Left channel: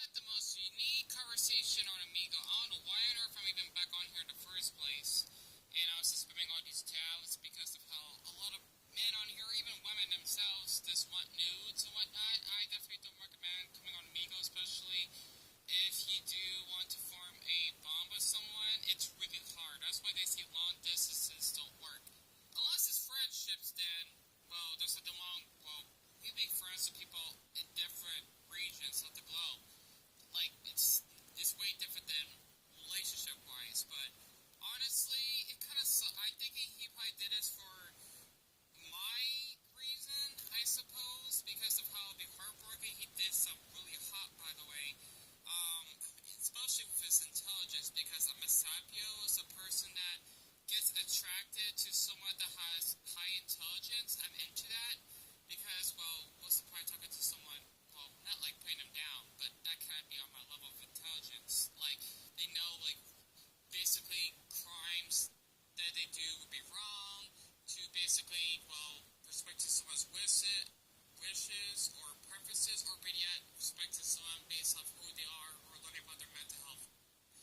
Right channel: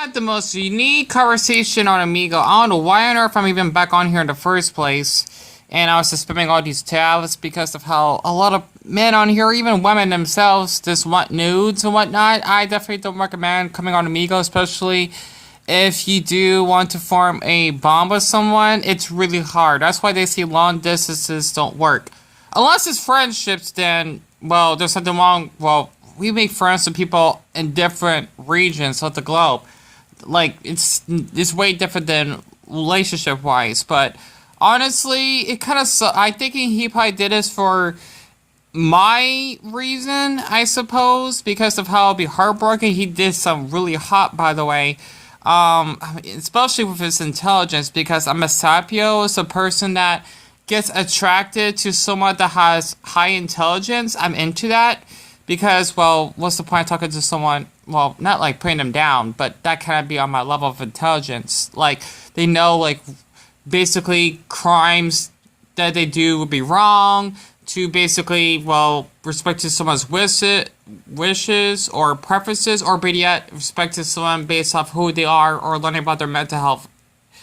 Had the most unique conversation on Omegle. I don't know why on earth I'm even back on here in the first place. And I was just spamming all these tabs because of how a lot of men on here, even women themselves, just want nudes and whatnot. I definitely don't recommend coming on Omegle, especially if you do want to form a bond with someone. It's really hard. That's why they say long distances don't work. Unless it's friendships, then, well, there's something wrong. Well, we make friends with people in different regions of the globe. Like, it's way different than relationship wise, but honestly, it kind of I think he probably did this for my reason, I suppose, because of how it'd be heartbroken. He did some really hot, by the way, especially with his intelligence, because I'm a sapio, is a person that gets attracted to someone that has high intelligence. I'm into that. Because, well, what's the point of talking to someone, well, not like putting them down, but that kind of be on my level of intelligence. Like, they know, like, basically crimes that they do would be wrong, to basically, well, respect to someone's wishes or preferences, or better yet, respect to someone based off who they are or learning about their mental health,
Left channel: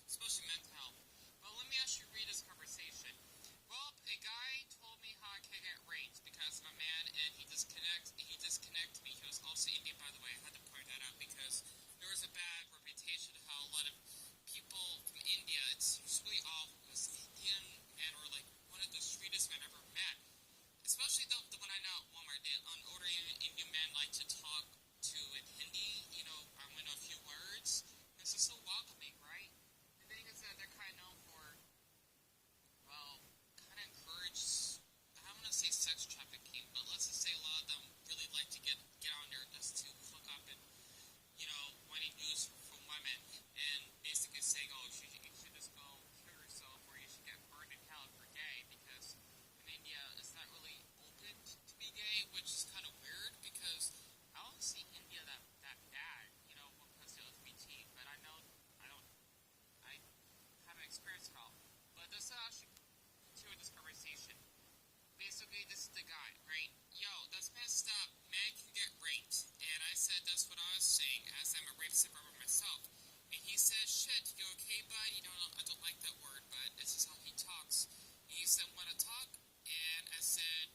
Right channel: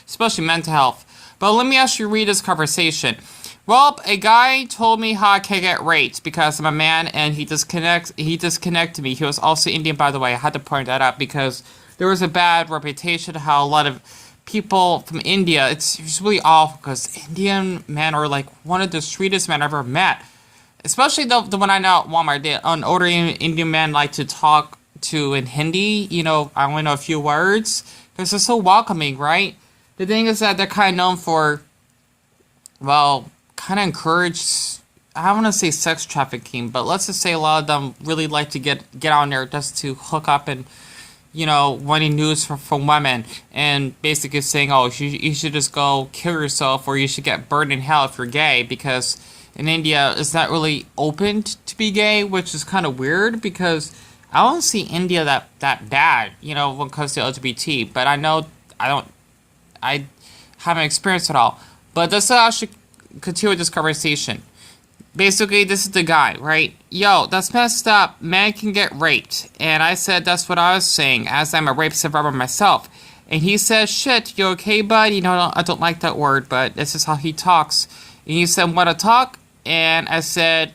especially mental health. But let me actually read this conversation. Well, a guy told me how I can get raped because I'm a man, and he disconnected me. He was also Indian, by the way. I had to point that out because there was a bad reputation how a lot of people from India, it's really awful because Indian men are like one of the sweetest men I've ever met. Especially the one I know at Walmart. An older Indian man like to talk to in Hindi. You know, I only know a few words because they're so welcoming, right? The thing is that they're kind of known for, well, kind of encourage, I don't want to say sex trafficking, but let's just say a lot of them really like to get on there just to hook up and, you know, wanting news from women and basically saying, oh, you should just go kill yourself or you should get burned in hell if you're gay, because in India it's not really open to be gay, which is kind of weird because I don't see India that bad, you know, when it comes to LGBT, but I know I haven't experienced it all. But this actually continue with this conversation. Basically, this is the guy, right? Yo, that's messed up. Man can get raped. And I said that's what I was saying, as I'm a rape survivor myself. And he said, shit, you okay, bud? You know, I don't like that word, but this is how he talks. And he said, wanna talk? And I said,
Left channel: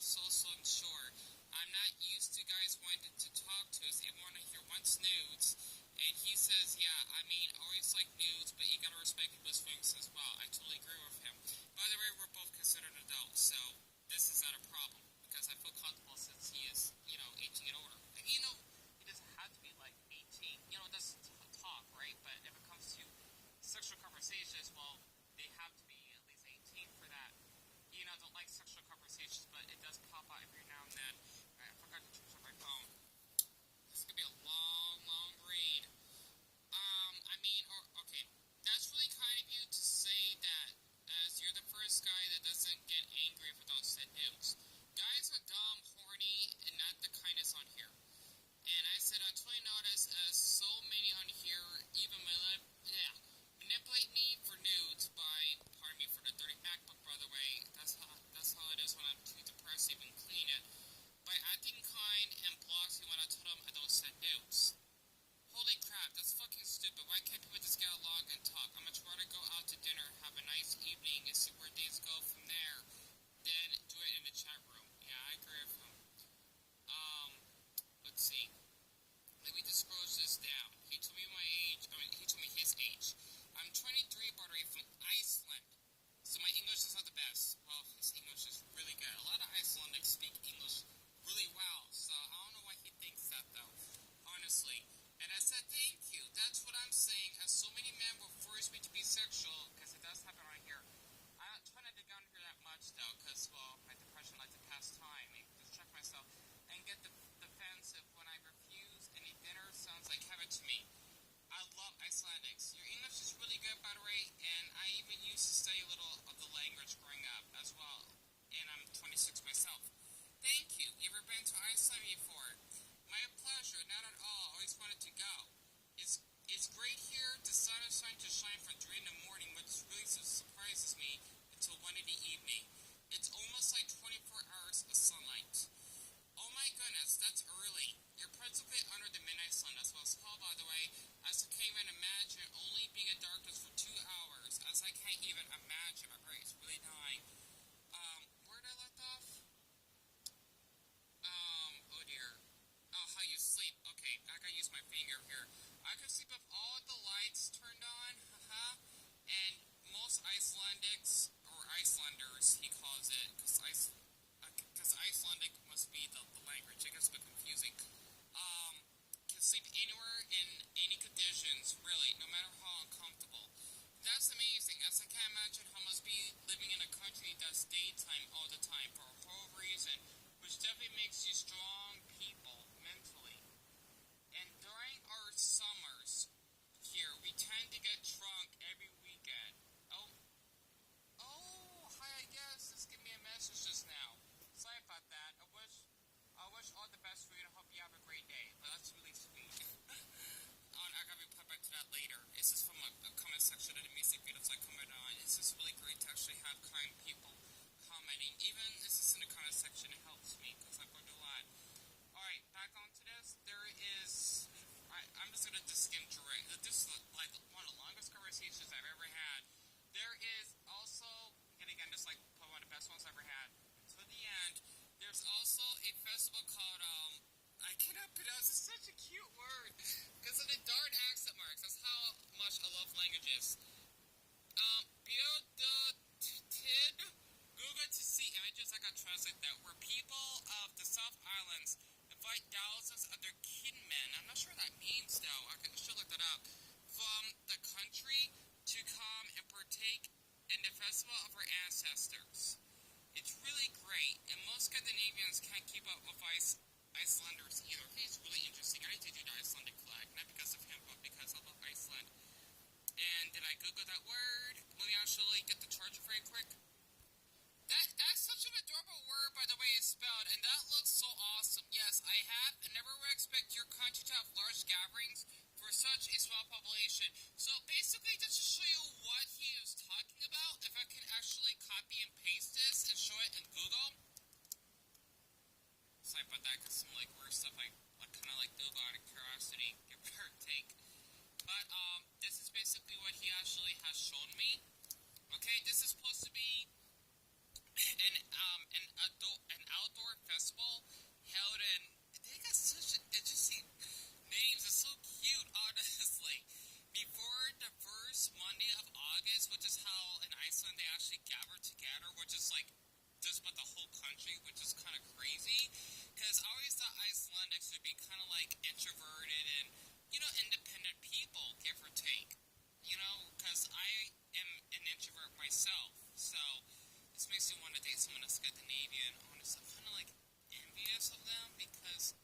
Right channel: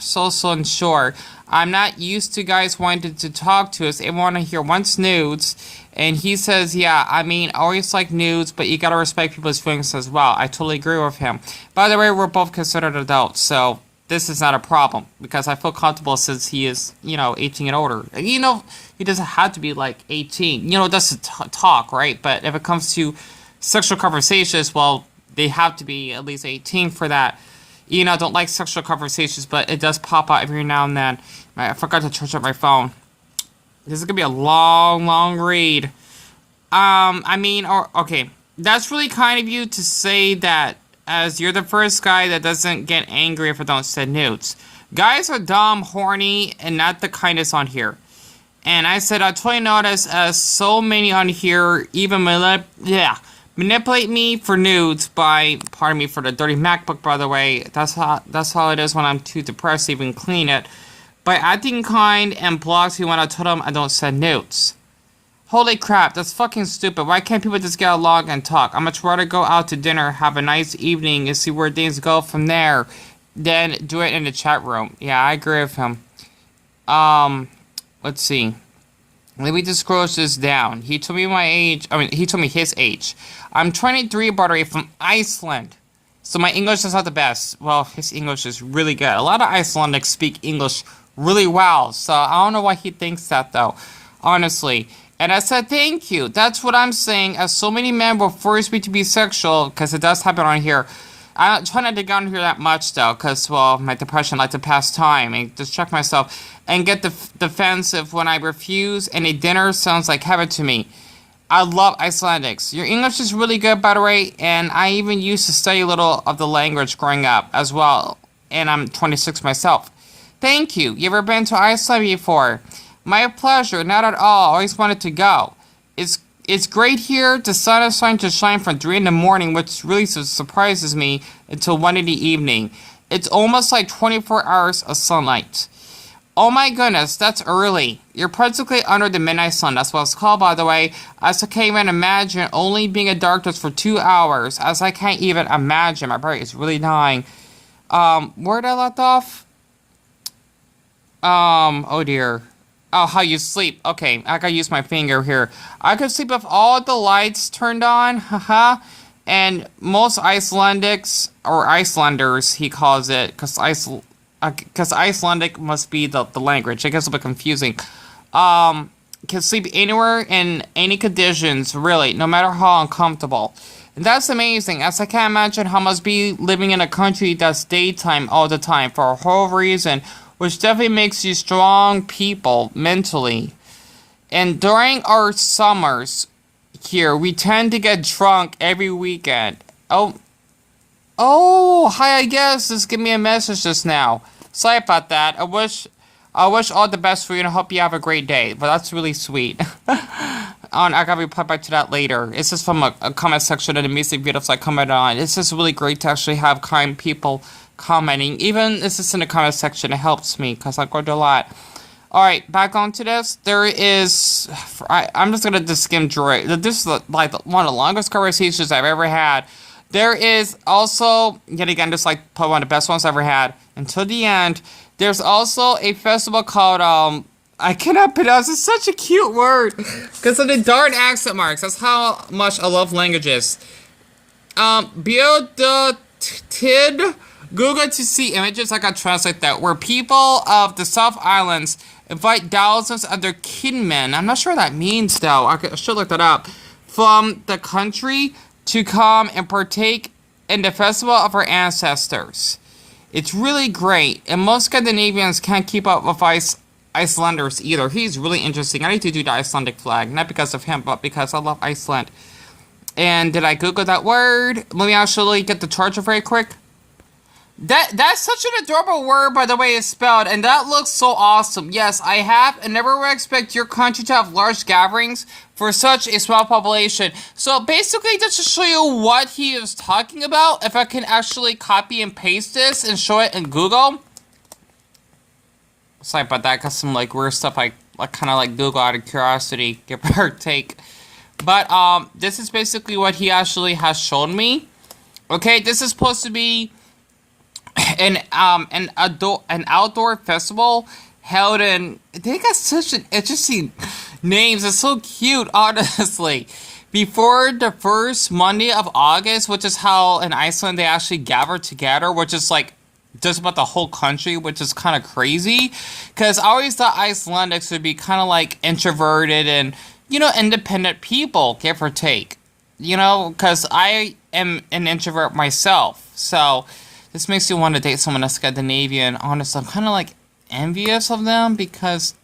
so unsure. I'm not used to guys wanting to talk to us. They want to hear once nudes. And he says, yeah, I mean, I always like nudes, but you gotta respect people's feelings as well. I totally agree with him. By the way, we're both considered adults, so this is not a problem, because I feel comfortable since he is, you know, 18 and older. You know, he doesn't have to be, like, 18. You know, that's a talk, right? But if it comes to sexual conversations, well, they have to be at least 18 for that. You know, I don't like sexual conversations, but it does pop out every now and then. I forgot to charge up my phone. This is gonna be a long read. Okay. That's really kind of you to say that, as you're the first guy that doesn't get angry if I don't send nudes. Guys are dumb, horny, and not the kindest on here. And I said, I totally noticed as so many on here even manipulate me for nudes by, pardon me for the dirty MacBook, by the way. That's how it is when I'm too depressed to even clean it. By acting kind and blocks me when I told them I don't send nudes. Holy crap, that's fucking stupid. Why can't people just get along and talk? I'm much rather go out to dinner, have a nice evening, and see where things go from there, than do it in the chat room. Yeah, I agree with him. Let's see. Let me just scroll this down. He told me my age. He told me his age. I'm 23, by the way, from Iceland. So my English is not the best. Well, his English is really good. A lot of Icelandics speak English really well. So I don't know why he thinks that, though. Honestly. And I said, thank you. That's what I'm saying. As so many men will force me to be sexual, because it does happen on here. I try not to get on here that much, though, because, well, my depression like to pass time and distract myself and get defensive when I refuse, and a dinner sounds like heaven to me. I love Icelandics. Your English is really good, by the way, and I even used to study a little of the language growing up as well, and I'm 26 myself. Thank you. You ever been to Iceland before? My pleasure, not at all. Always wanted to go. It's great here. The sun is starting to shine from 3 in the morning, which really surprises me, until 1 in the evening. It's almost like 24 hours of sunlight. Oh my goodness, that's early. You're practically under the midnight sun. That's what it's called, by the way. As I can't even imagine only being in darkness for 2 hours. As I can't even imagine. My brain is really dying. Where did I left off? Oh dear. Oh, how you sleep. Okay, I gotta use my finger here. I could sleep with all the lights turned on. Haha. And most Icelandics, or Icelanders, he calls it, because Icelandic must be the language. I guess it's a bit confusing. Can sleep anywhere in any conditions, really, no matter how uncomfortable. And that's amazing, as I can't imagine how must be living in a country that's daytime all the time for a whole reason, which definitely makes you strong people mentally. And during our summers here, we tend to get drunk every weekend. Oh, hi, I guess. Just give me a message just now. Sorry about that. I wish all the best for you and I hope you have a great day. But that's really sweet. I gotta reply back to that later. It's just from a comment section of the music videos I comment on. It's just really great to actually have kind people commenting. Even if it's just in the comment section, it helps me because I go through a lot. Alright, back onto this. There is... I'm just gonna just skim through it. This is like one of the longest conversations I've ever had. There is also, yet again, just like probably one of the best ones I've ever had, until the end, there's also a festival called, I cannot pronounce, it's such a cute word, because of the darn accent marks. That's how much I love languages. Tid, Google to see images, I can translate that, where people of the South Islands invite thousands of their kinmen, I'm not sure what that means though, I should look that up, from the country to come and partake in the festival of our ancestors. It's really great, and most Scandinavians can't keep up with Icelanders either. He's really interesting. I need to do the Icelandic flag, not because of him, but because I love Iceland. And did I Google that word? Let me actually get the charger very quick. That's such an adorable word, by the way it's spelled, and that looks so awesome. Yes, I have, and never would expect your country to have large gatherings for such a small population. So basically, just to show you what he is talking about, if I can actually copy and paste this and show it in Google. Sorry about that, because some like weird stuff I kind of like Google out of curiosity, give or take. But this is basically what he actually has shown me. Okay, this is supposed to be an outdoor festival held in, they got such an interesting names. It's so cute, honestly. Before the first Monday of August, which is how in Iceland they actually gather together, which is like just about the whole country, which is kind of crazy. Because I always thought Icelandics would be kind of like introverted and, you know, independent people, give or take. You know, because I am an introvert myself. So this makes you want to date someone that's Scandinavian. Honestly, I'm kind of like envious of them because,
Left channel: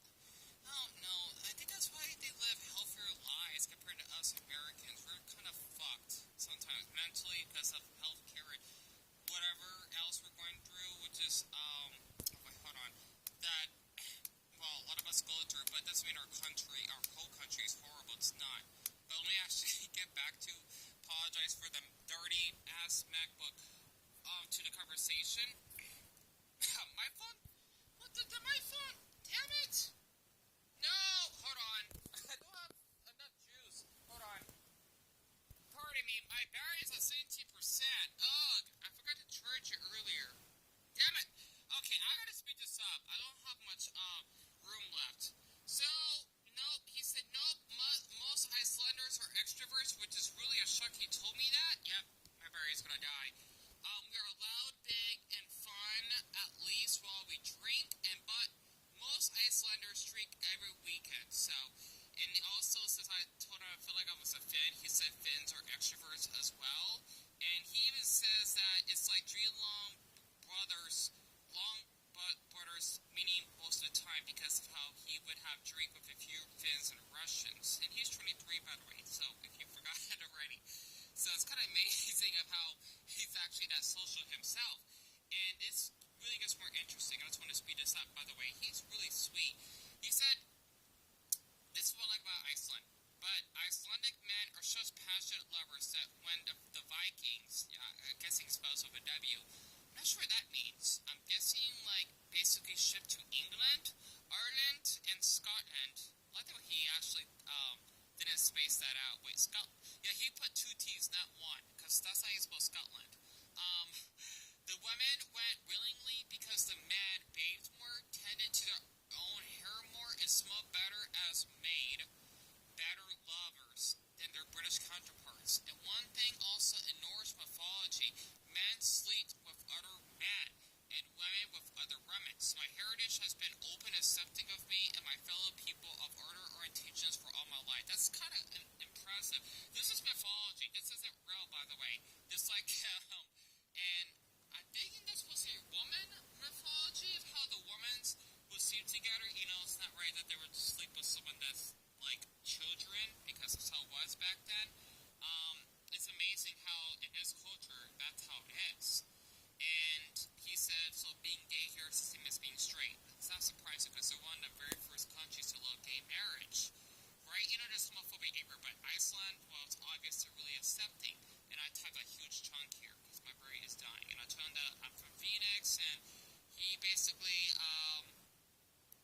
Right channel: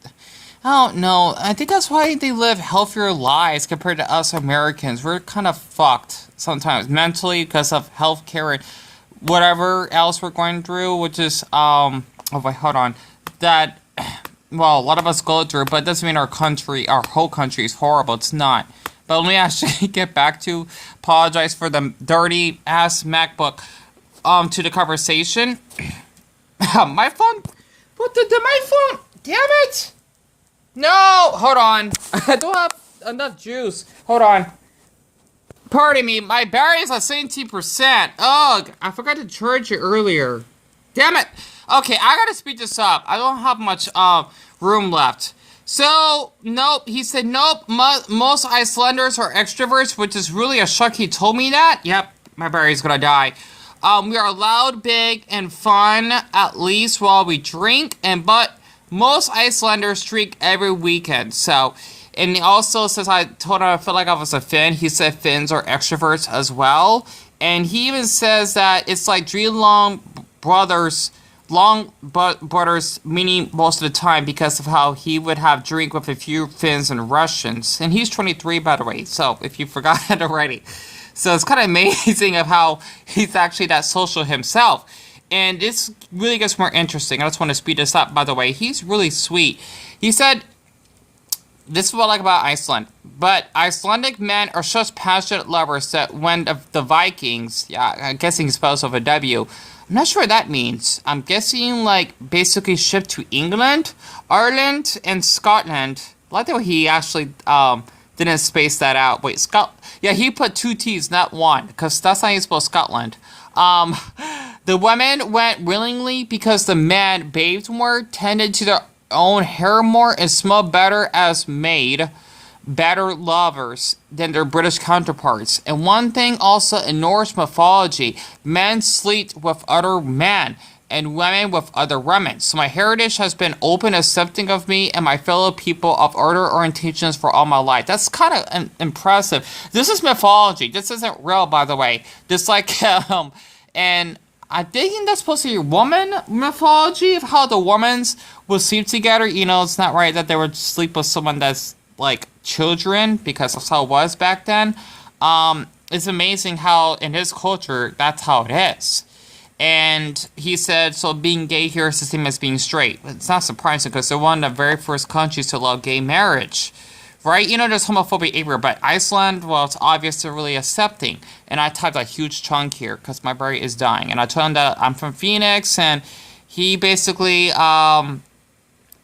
I don't know, I think that's why they live healthier lives compared to us Americans. We're kind of fucked sometimes mentally because of healthcare and whatever else we're going through, which is, oh wait, hold on, that, well, a lot of us go through, but it doesn't mean our whole country is horrible. It's not. But let me actually get back to, apologize for the dirty ass MacBook. To the conversation. My phone? What the my phone? Damn it! No! Hold on. I don't have enough juice. Hold on. Pardon me, my battery is at 17%. Ugh, I forgot to charge it earlier. Damn it! Okay, I gotta speed this up. I don't have much room left. So, nope, he said nope, most Icelanders are extroverts, which is really a shock he told me that. Yep, my battery's gonna die. We are loud, big, and fun, at least while we drink, but most Icelanders drink every weekend, so, and he also says, I told him I felt like I was a Finn, he said Finns are extroverts as well, and he even says that it's like three long brothers, meaning most of the time, because of how he would have drink with a few Finns and Russians, and he's 23, by the way, so, if you forgot it already. So it's kind of amazing of how he's actually that social himself. And this really gets more interesting. I just want to speed this up, by the way. He's really sweet. He said, this is what I like about Iceland. But Icelandic men are such passionate lovers that when the Vikings, yeah, I'm guessing he's spelled with a W, I'm not sure what that means. I'm guessing like basically shipped to England, Ireland, and Scotland. I like the way he actually didn't space that out. Wait, Yeah, he put two T's, not one, because that's how you spell Scotland. Um, the women went willingly because the men bathed more, tended to their own hair more, and smelled better as maid, better lovers than their British counterparts. And one thing also in Norse mythology, men sleep with other men and women with other women. So my heritage has been open, accepting of me and my fellow people of other orientations for all my life. That's kind of impressive. This is mythology. This isn't real, by the way. This like, and I'm thinking that's supposed to be woman mythology of how the women's would sleep together. You know, it's not right that they would sleep with someone that's like children, because that's how it was back then. It's amazing how in his culture that's how it is. And he said, so being gay here is the same as being straight. It's not surprising because they're one of the very first countries to allow gay marriage, right? You know, there's homophobia everywhere, but Iceland, well, it's obvious they're really accepting. And I typed a huge chunk here because my brain is dying. And I told him that I'm from Phoenix, and he basically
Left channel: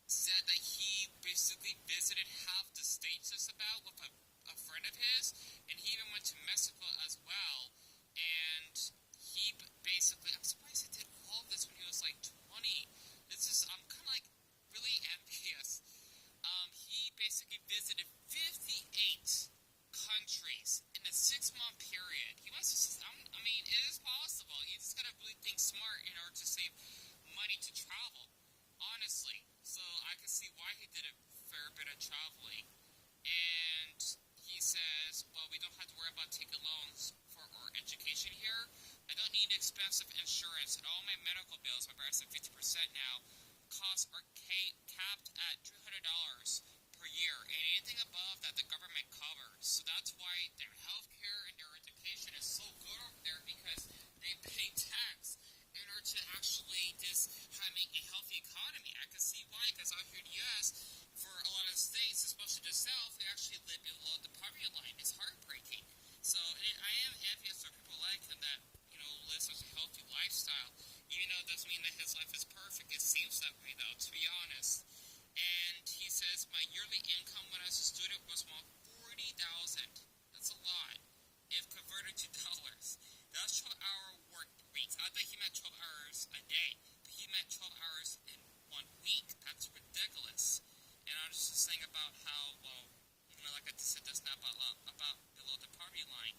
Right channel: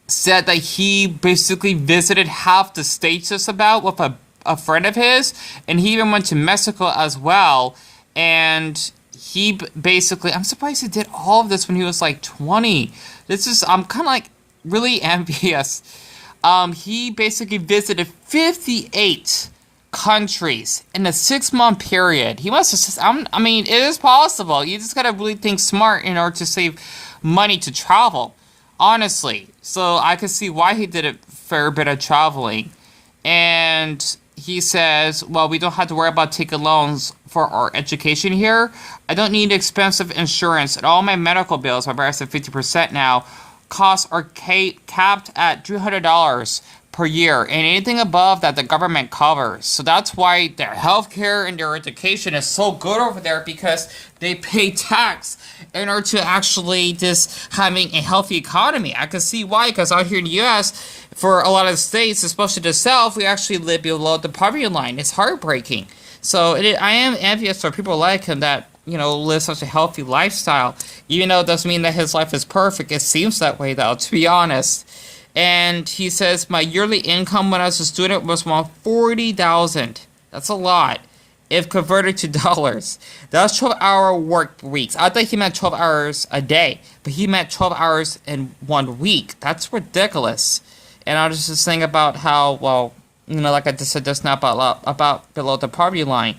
said that he basically visited half the states just about with a friend of his, and he even went to Mexico as well. And he basically, I'm surprised he did all of this when he was like 20. I'm kind of like really envious. He basically visited 58 countries in a 6-month period. He must have just, I mean, it is possible. You just gotta really think smart in order to save money to travel, honestly. So I could see why he did a fair bit of traveling. And he says, well, we don't have to worry about taking loans for our education here. I don't need expensive insurance, and all my medical bills, my brother said 50% now, costs are capped at $300 per year, and anything above that the government covers. So that's why their healthcare and their education is so good over there, because they pay tax in order to actually just having a healthy economy. I can see why, because out here in the U.S., for a lot of states, especially the South, we actually live below the poverty line. It's heartbreaking. So I am envious for people like him that, you know, live such a healthy lifestyle. Even though it doesn't mean that his life is perfect. It seems that way, though, to be honest. And he says, my yearly income when I was a student was around $40,000. That's a lot. If converted to dollars. That's 12-hour work weeks. I thought he meant 12 hours a day, but he meant 12 hours in 1 week. That's ridiculous. And I was just saying about how, well, you know, like I just said just now about below the poverty line.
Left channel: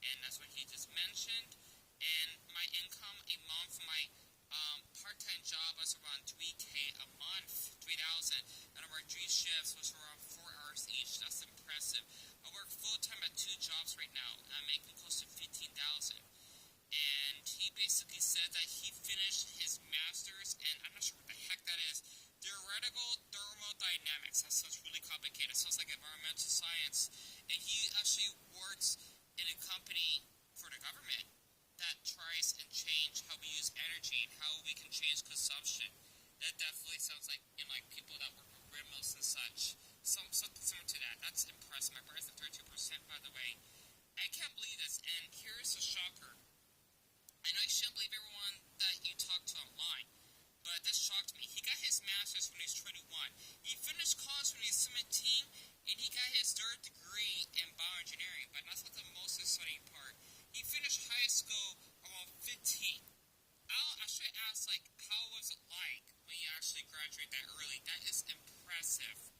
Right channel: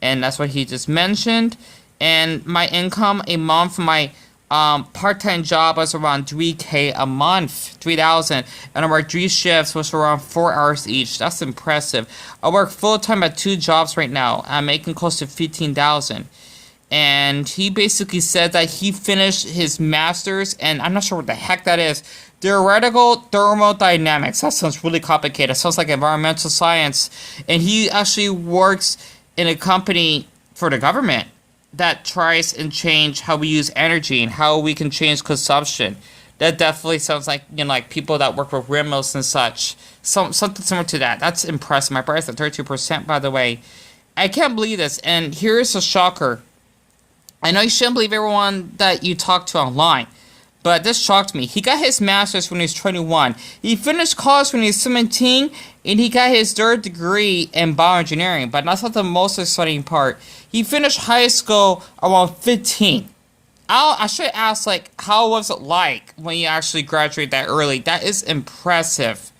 And that's what he just mentioned. And my income a month for my part-time job was around $3,000 a month, $3,000. And I worked 3 shifts, which were around 4 hours each. That's impressive. I work full-time at 2 jobs right now. I'm making close to $15,000. And he basically said that he finished his master's, and I'm not sure what the heck that is. Theoretical thermodynamics. That sounds really complicated. It sounds like environmental science. And he actually works in a company for the government that tries and change how we use energy and how we can change consumption. That definitely sounds like, you know, like people that work with windmills and such. Something similar to that. That's impressive. My price at 32%, by the way. I can't believe this. And here's a shocker. I know you shouldn't believe everyone that you talk to online, but this shocked me. He got his master's when he was 21. He finished college when he was 17, and he got his 3rd degree in bioengineering. But that's not the most exciting part. He finished high school around 15. I should ask, like, how was it like when you actually graduate that early? That is impressive.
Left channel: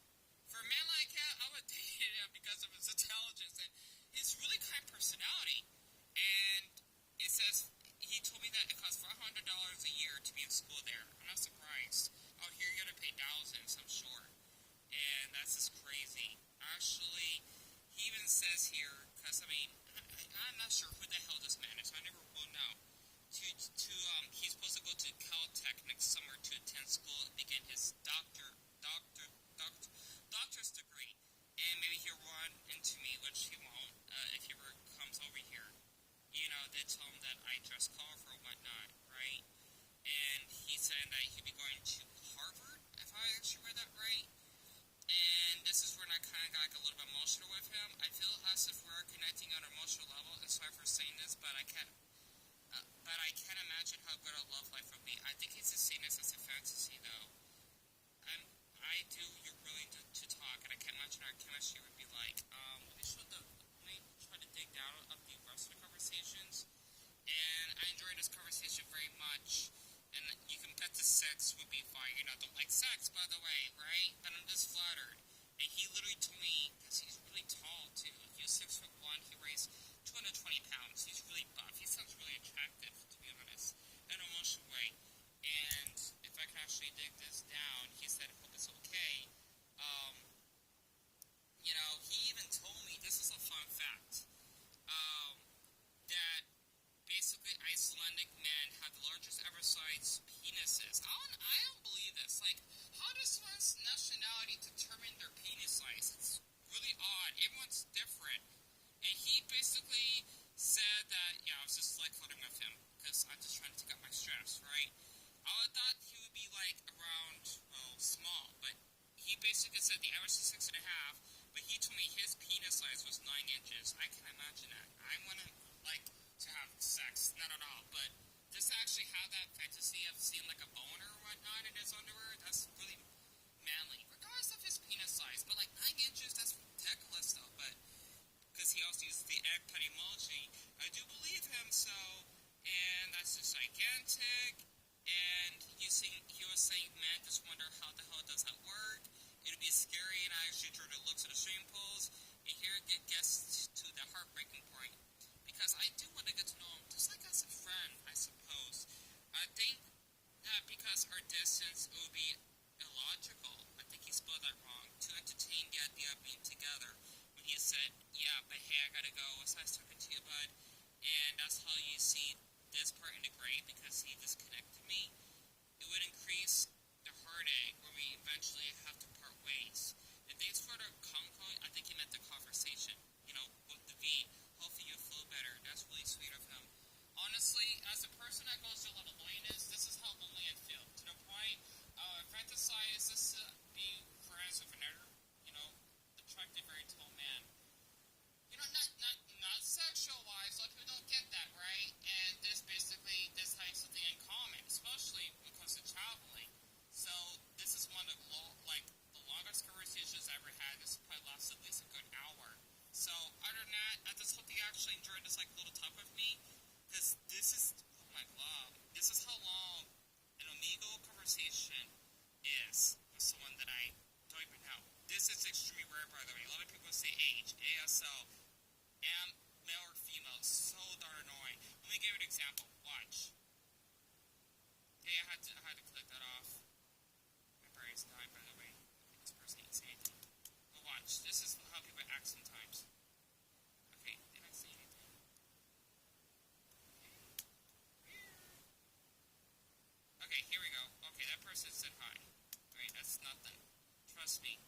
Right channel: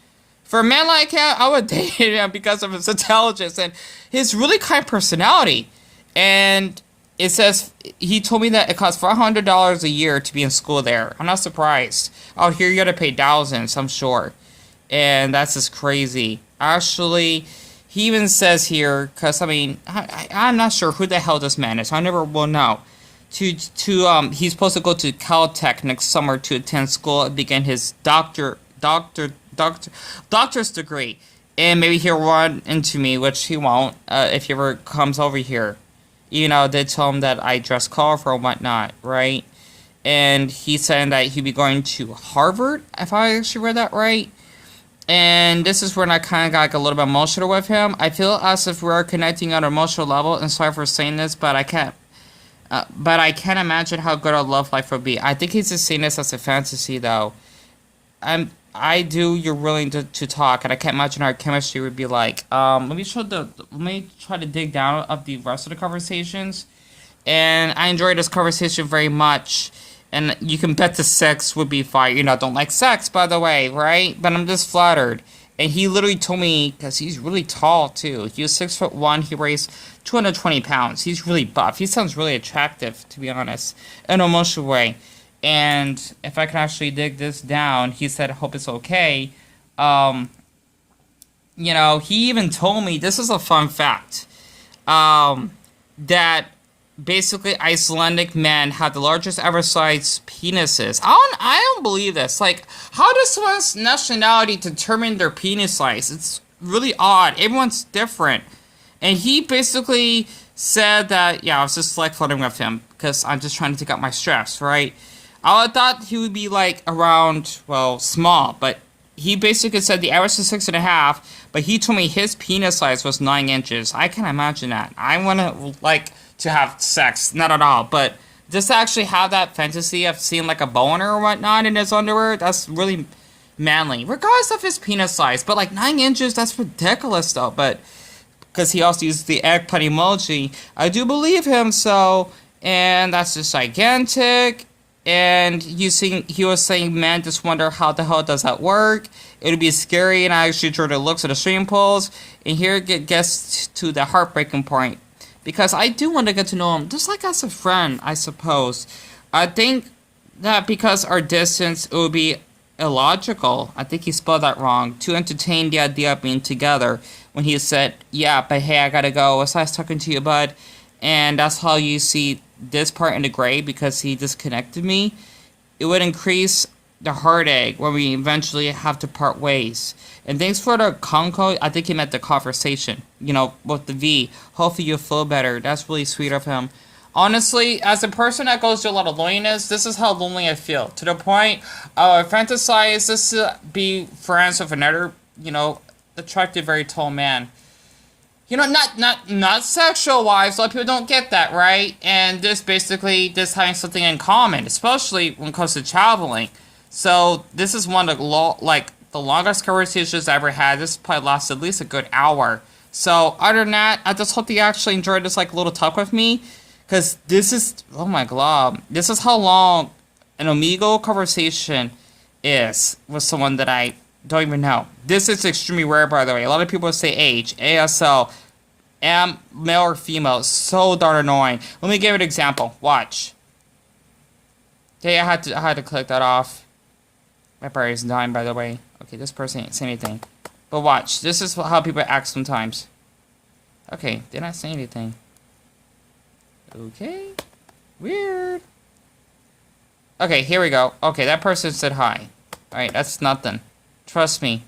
For a man like him, I would date him because of his intelligence and his really kind personality. And it says, he told me that it costs $400 a year to be in school there. I'm not surprised. Out here, you gotta pay thousands, I'm sure. And that's just crazy. Actually, he even says here, because, I mean, I'm not sure who the hell this man is. I never will know. He's supposed to go to Caltech next summer to attend school and begin his doctor's degree. And maybe he'll run into me, which he won't, if he ever comes over here. You know, they told him that I dress colorful and whatnot, right? And he said that he'd be going to Harvard, if I actually read that right. And this is when I kind of got like a little bit emotional with him. I feel as if we're connecting on an emotional level, and sorry for saying this, but I can't But I can't imagine how good our love life would be. I think he's just seeing this as a fantasy, though. I do. You're willing to talk, and I can't imagine our chemistry would be like. Let me try to dig down of the rest of the conversations, and I enjoyed this conversation very much. And you can bet the sex would be fire. You know, I don't like sex, by the way, right? But I'm just flattered. And he literally told me, because he's really tall too. He was 6'1". He weighs 220 pounds. He's really buff. He sounds really attractive, to be honest, in an emotional way. And if I can actually dig this down, he said, I hope it's okay. You know, he even told me, this is a fun fact, that basically Icelandic men have the largest ever sized penises. I don't believe this. Like, how does someone's nationality determine their penis size? It's really odd. Everyone's different. And he basically said that, yeah, I was just like flirting with him because I'm just trying to take out my stress, right? I thought he would be like around, well, small, but he basically said the average is 6.5, but he told me his penis size was 9 inches. I can't imagine that. I want to, like, to have sex, not at all, but just to actually have that fantasy of seeing like a boner or whatnot in his underwear, that's really manly, regardless of his penis size. But like 9 inches, that's ridiculous though. But because he also used the eggplant emoji, I do believe him. So, and that's just gigantic. And he was saying, man, just wonder how the hell does that work? It would be scary, and I actually drew the looks at the stream polls. And here it gets to the heartbreaking point. Because I do want to get to know him, just like as a friend, I suppose. I think that because our distance, it would be illogical. I think he spelled that wrong. To entertain the idea of being together. When he said, yeah, but hey, I gotta go. It's nice talking to you, bud. And that's how you see this part in the gray, because he disconnected me. It would increase the heartache when we eventually have to part ways. And thanks for the conco. I think he meant the conversation, you know, with the V. Hopefully you'll feel better. That's really sweet of him. Honestly, as a person that goes through a lot of loneliness, this is how lonely I feel. To the point, I fantasize this to be friends with another, you know, attractive, very tall man. You know, not sexual-wise. A lot of people don't get that, right? And just having something in common, especially when it comes to traveling. So this is one of the longest conversations I ever had. This probably lasted at least a good hour. So other than that, I just hope you actually enjoyed this little talk with me, because this is, oh my god, this is how long an Omegle conversation is with someone that I don't even know. This is extremely rare, by the way. A lot of people say age, ASL, am male or female. So darn annoying. Let me give you an example. Watch. Okay, I had to click that off. My battery is dying, by the way. Okay, this person ain't saying anything. But watch. This is how people act sometimes. Okay, did not say anything. Okay. Weird. Okay, here we go. Okay, that person said hi. Alright, that's nothing. Trust me.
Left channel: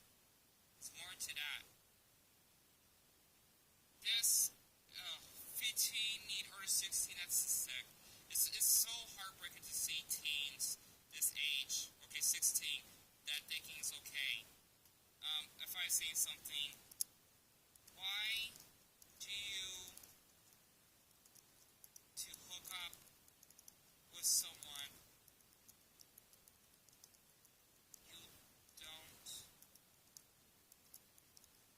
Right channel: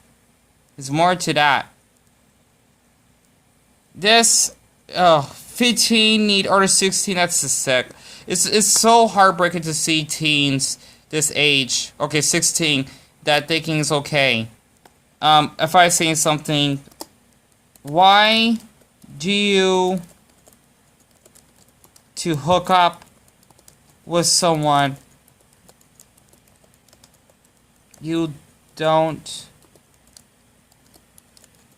There's more to that. This, 15 need order 16, that's just sick. It's so heartbreaking to see teens this age, okay, 16, that thinking is okay. If I say something, why do you to hook up with someone you don't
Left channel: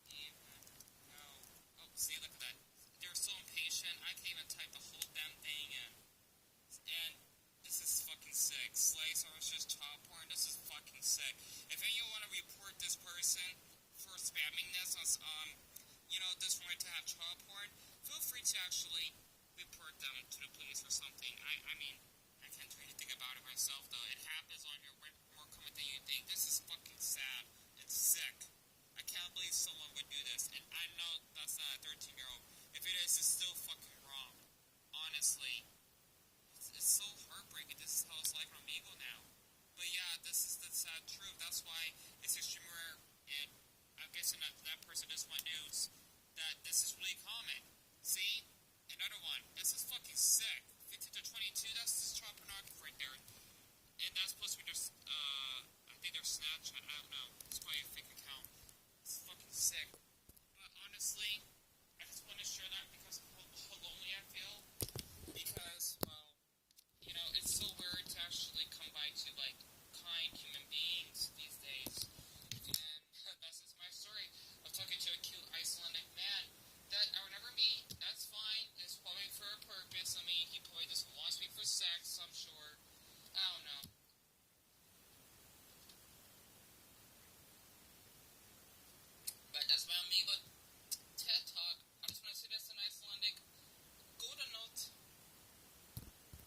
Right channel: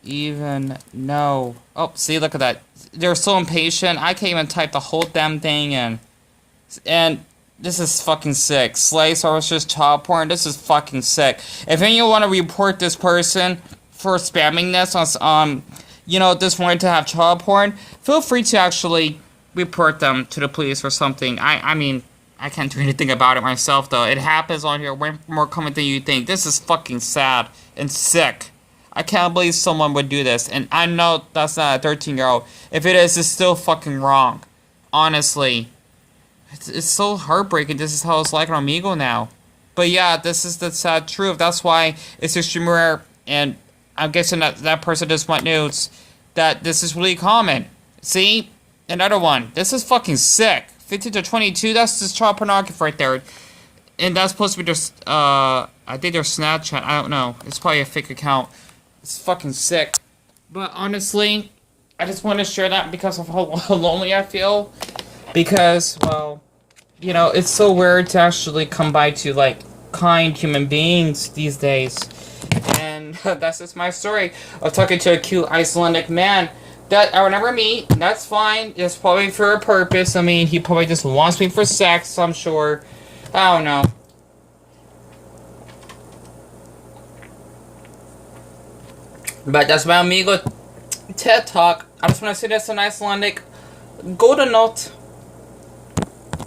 even know? Oh, see, look at that. They're so impatient. I can't even type the whole damn thing in. And this is fucking sick. Slay services, child porn. This is fucking sick. If anyone want to report this person for spamming this on, you know, this wanting to have child porn, feel free to actually report them to the police or something. I mean, I can't do anything about it myself, though. It happens on here way more common than you think. This is fucking sad and sick. I can't believe someone would do this. And I know that's not a 13-year-old. If it is, it's still fucking wrong. Honestly. It's so heartbreaking. This is how it's like on Omegle now. But yeah, this is the sad truth. That's why it's extremely rare. And I'm guessing that person just went nudes. That this is really common. See? Another one. This is fucking sick. 15 to 22, that's just child pornography right there. And that's supposed to be their, I think their Snapchat. I don't know. It's probably a fake account. It's fucking sick. But honestly, I just want to share that because of how lonely I feel. Because, well, you know, it's so weird to actually come by to, like, kind human beings these days. And that's just my story of talking to a cute Icelandic man that I would never meet. That's fine. It's probably for a purpose. I mean, he probably just wants me for sex, I'm sure. I don't know. But that's my amigo TED Talk. I just want to say this in Icelandic. Góða nótt.